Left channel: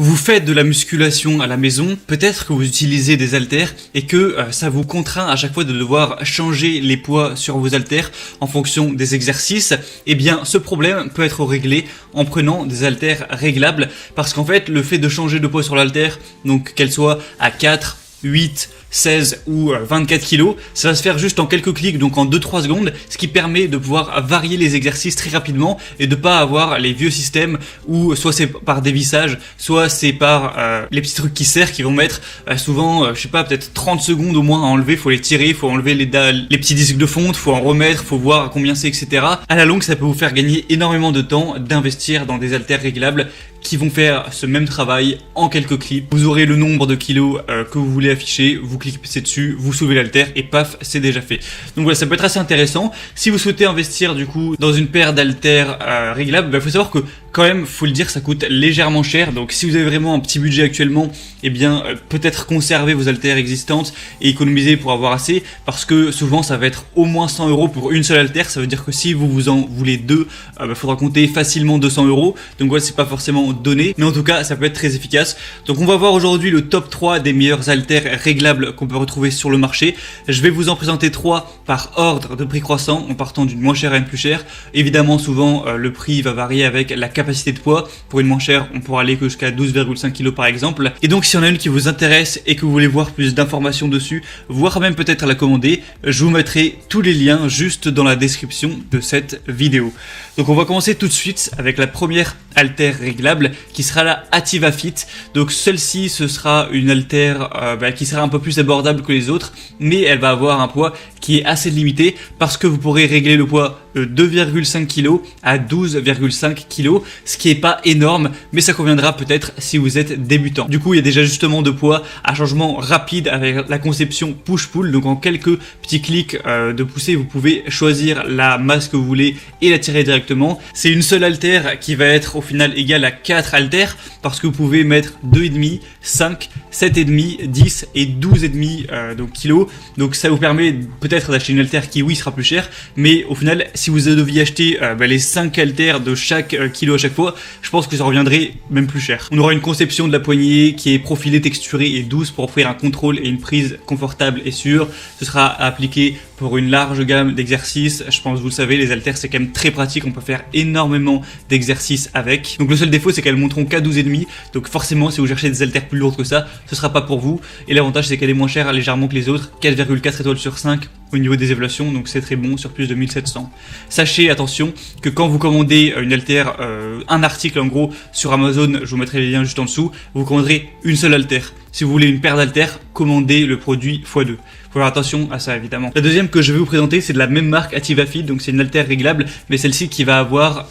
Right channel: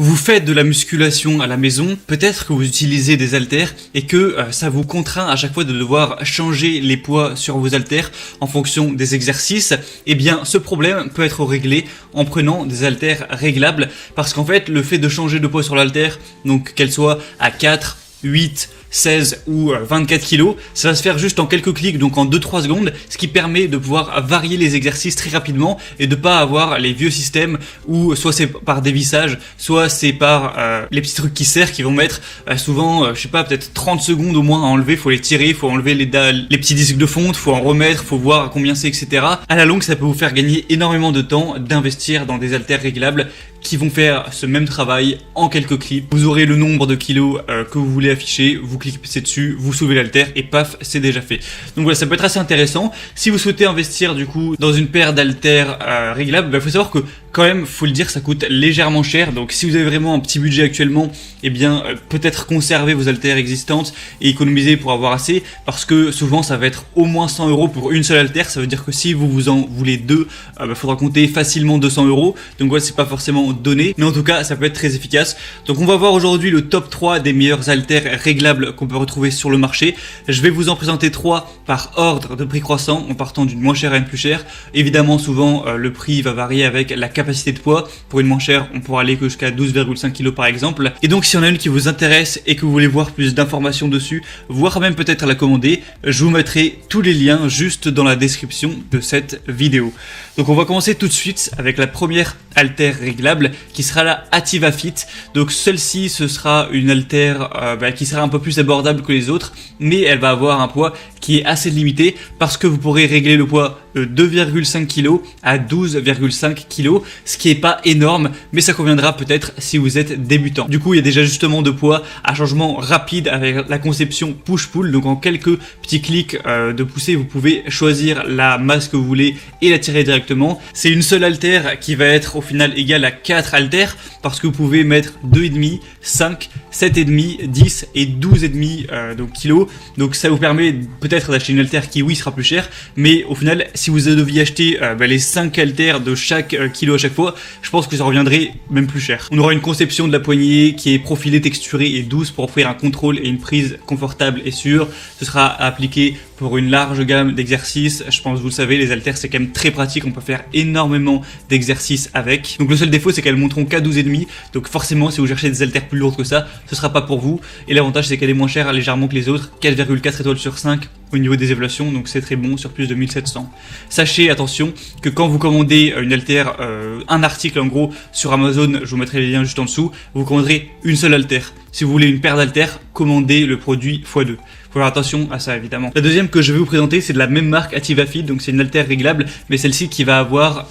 Vous faites de la musculation à la maison, peut-être que vous utilisez des haltères et que ça vous contraint à chaque fois de devoir changer les poids sur vos haltères en fonction des exercices. Eh bien, ce problème peut être réglé en prenant des haltères réglables parce qu'en fait, le fait de changer de poids sur l'haltère, donc qu'elle soit à 4, 8, 16 ou 24 kilos, ça va se faire juste en quelques clics, donc en 2-3 secondes, ce qui permet de pouvoir varier les exercices très rapidement et de pas avoir les vieux systèmes où soit c'est par dévissage, soit c'est par les petits trucs qui serrent, qui vont mettre souvent, je sais pas, peut-être 30 secondes au moins à enlever, faut les tirer, faut enlever les petits disques de fonte, faut en remettre, faut voir combien c'est, etc. À la longue, ça peut vous faire gagner énormément de temps d'investir dans des haltères réglables qui vont faire ce même travail en quelques clics. Vous aurez le nombre de kilos que vous voulez afficher, vous cliquez dessus, vous soulevez l'haltère et paf, c'est déjà fait. Donc voilà, ça peut être assez intéressant. Si vous souhaitez investir du coup dans une paire d'haltères réglables, faut savoir que quand même, faut le dire, ça coûte légèrement cher. Donc si vous avez vraiment un petit budget actuellement, eh bien peut-être conserver vos haltères existantes et économiser pour avoir assez, parce que souvent ça va être au moins 100 € pour une seule haltère. Ça veut dire que si vous en voulez deux, il faudra compter facilement 200 €. Donc ouais, c'est pas forcément donné, mais en tout cas ça peut être très efficace. Donc on va voir aujourd'hui le top 3 des meilleurs haltères réglables qu'on peut retrouver sur le marché. Je vais vous en présenter 3 par ordre de prix croissant, en partant d'une moins chère à une plus chère. Évidemment, souvent le prix va varier avec la capacité de poids. Pour une moins chère, on pourra aller jusqu'à 12,5 kg par exemple. Et donc si on a une qui vous intéresse et que vous voulez voir plus d'informations dessus, voire même peut-être la commander, je vous mettrai tous les liens juste dans la description de cette vidéo. Donc on va commencer tout de suite avec la première haltère réglable qui sera la Ativa Fit. Donc celle-ci, ce sera une haltère qui sera un peu plus abordable que les autres, mais elle va avoir un poids qui est assez limité parce que vous pourrez régler le poids de 2,5 kg à 12,5 kg, ce qui est pas énorme, mais ça conviendra peut-être si vous êtes débutant. Du coup, il y a des ajustements de poids, un changement rapide avec la conception push-pull, donc en quelques petits clics de poussée, vous pouvez choisir la masse que vous voulez et la tirer directement. C'est une seule haltère qui va être au final égale à 4 haltères parce que vous pouvez mettre 2,5, 5, 7,5, 10 et 12,5 donc kilos. Donc ça vous permet peut-être d'acheter une haltère qui oui sera plus chère, mais au final si vous deviez acheter les 5 haltères de chaque kilo à chaque fois, je pense que ça reviendrait même plus cher. On aura une conception de la poignée qui est profilée, texturée et douce pour offrir un contrôle et une prise confortable et sûre. Ce sera appliqué pour une large gamme d'exercices. Je pense que vous le savez, les haltères c'est quand même très pratique, on peut faire énormément d'exercices avec. Donc le seul défaut c'est qu'elles monteront qu'à 12,5, donc forcément si vous cherchez des haltères plus lourdes que ça, ce sera pas pour vous. Et l'avantage c'est qu'elle est moins chère légèrement que les autres, 4,4 étoiles sur 5 au niveau des évaluations, donc c'est très bon sur plus de 1700. Sachez, attention, que quand vous commandez une haltère, un article en gros sur Amazon, je vous mettrai les liens juste en dessous, vous commanderez une seule haltère. Si vous voulez une paire d'haltères, commandez le produit x2. Faut faire attention à ça évidemment. La deuxième que je vais vous présenter, c'est de la même marque, Ativa Fit, donc c'est une haltère réglable, mais celle-ci qui va avoir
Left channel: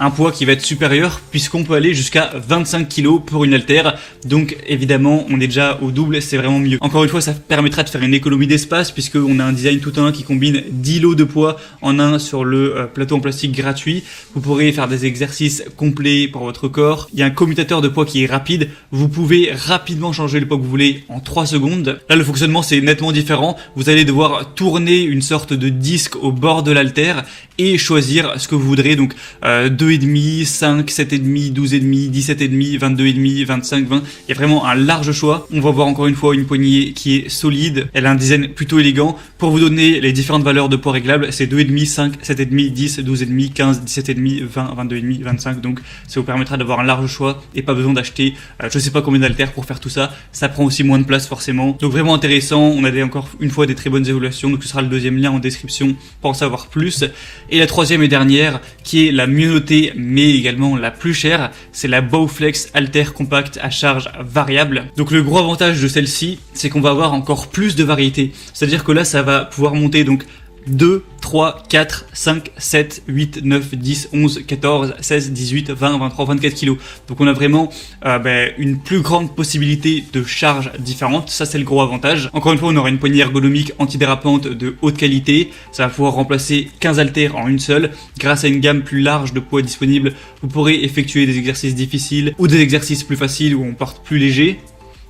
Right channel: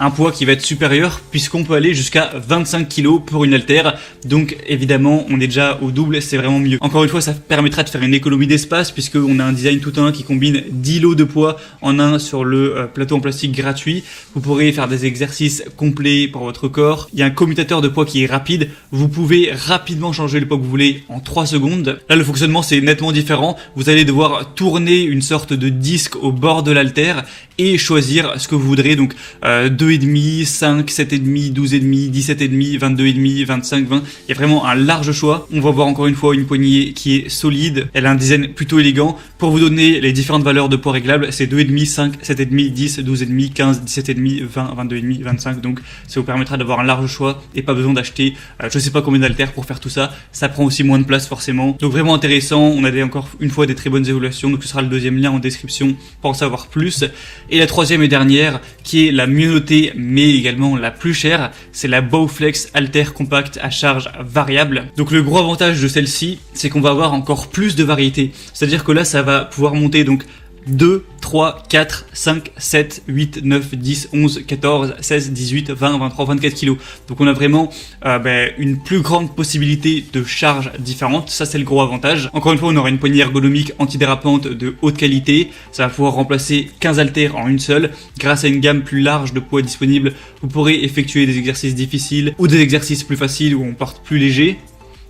un poids qui va être supérieur, puisqu'on peut aller jusqu'à 25 kg pour une haltère. Donc évidemment, on est déjà au double, c'est vraiment mieux. Encore une fois, ça permettra de faire une économie d'espace, puisqu'on a un design tout en un qui combine 10 lots de poids en un sur le plateau en plastique gratuit. Vous pourrez faire des exercices complets pour votre corps. Il y a un commutateur de poids qui est rapide. Vous pouvez rapidement changer le poids que vous voulez en 3 secondes. Là, le fonctionnement, c'est nettement différent. Vous allez devoir tourner une sorte de disque au bord de l'haltère et choisir ce que vous voudrez, donc 2,5, 5, 7,5, 12,5, 17,5, 22,5, 25, 20. Il y a vraiment un large choix. On va voir encore une fois une poignée qui est solide. Elle a un design plutôt élégant. Pour vous donner les différentes valeurs de poids réglables, c'est 2,5, 5, 7,5, 10, 12,5, 15, 17,5, 20, 22,5, 25. Donc ça vous permettra d'avoir un large choix et pas besoin d'acheter je sais pas combien d'haltères pour faire tout ça. Ça prend aussi moins de place forcément. Donc vraiment intéressant. On a encore une fois des très bonnes évaluations. Donc ce sera le deuxième lien en description pour en savoir plus. Et la troisième et dernière, qui est la mieux notée, mais également la plus chère, c'est la Bowflex Halter Compact à charge variable. Donc le gros avantage de celle-ci, c'est qu'on va avoir encore plus de variété. C'est-à-dire que là, ça va pouvoir monter donc 2, 3, 4, 5, 7, 8, 9, 10, 11, 14, 16, 18, 20, 23, 24 kilos. Donc on a vraiment une plus grande possibilité de charges différentes. Ça, c'est le gros avantage. Encore une fois, on aura une poignée ergonomique antidérapante de haute qualité. Ça va pouvoir remplacer 15 haltères en une seule. Grâce à une gamme plus large de poids disponibles, vous pourrez effectuer des exercices difficiles ou des exercices plus faciles où on porte plus léger.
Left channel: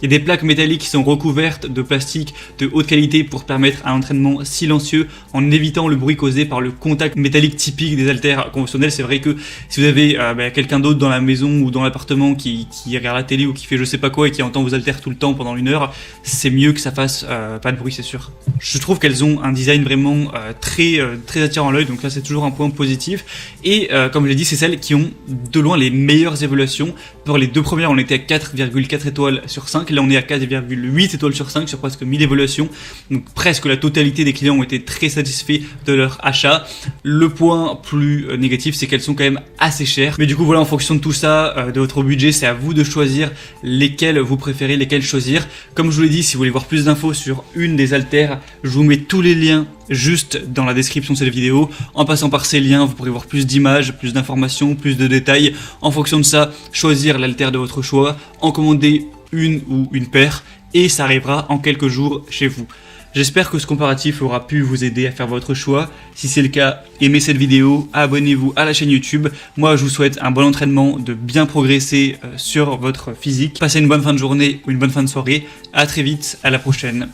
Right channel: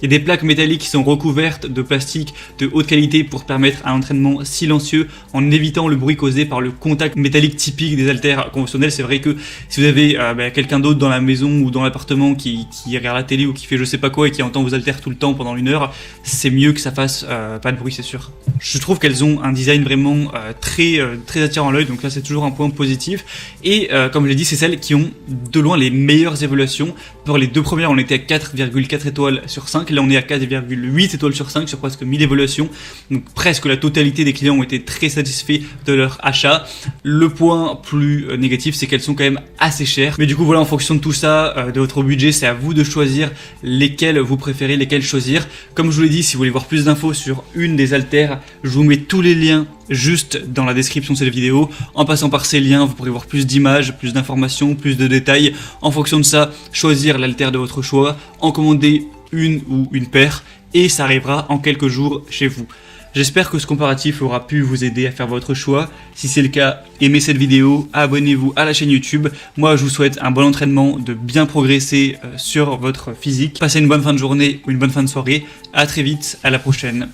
Il y a des plaques métalliques qui sont recouvertes de plastique de haute qualité pour permettre un entraînement silencieux en évitant le bruit causé par le contact métallique typique des haltères conventionnels. C'est vrai que si vous avez quelqu'un d'autre dans la maison ou dans l'appartement qui regarde la télé ou qui fait je sais pas quoi et qui entend vos haltères tout le temps pendant 1 heure, c'est mieux que ça fasse pas de bruit, c'est sûr. Je trouve qu'elles ont un design vraiment très attirant à l'œil, donc là c'est toujours un point positif. Et comme je l'ai dit, c'est celles qui ont de loin les meilleures évaluations. Pour les 2 premières, on était à 4,4 étoiles sur 5. Là, on est à 4,8 étoiles sur 5 sur presque 1000 évaluations. Donc, presque la totalité des clients ont été très satisfaits de leur achat. Le point plus négatif, c'est qu'elles sont quand même assez chères. Mais du coup, voilà, en fonction de tout ça, de votre budget, c'est à vous de choisir lesquelles vous préférez, lesquelles choisir. Comme je vous l'ai dit, si vous voulez voir plus d'infos sur une des haltères, je vous mets tous les liens juste dans la description de cette vidéo. En passant par ces liens, vous pourrez voir plus d'images, plus d'informations, plus de détails. En fonction de ça, choisir l'haltère de votre choix, en commander une ou une paire et ça arrivera en quelques jours chez vous. J'espère que ce comparatif aura pu vous aider à faire votre choix. Si c'est le cas, aimez cette vidéo, abonnez-vous à la chaîne YouTube. Moi, je vous souhaite un bon entraînement, de bien progresser sur votre physique. Passez une bonne fin de journée ou une bonne fin de soirée. À très vite, à la prochaine.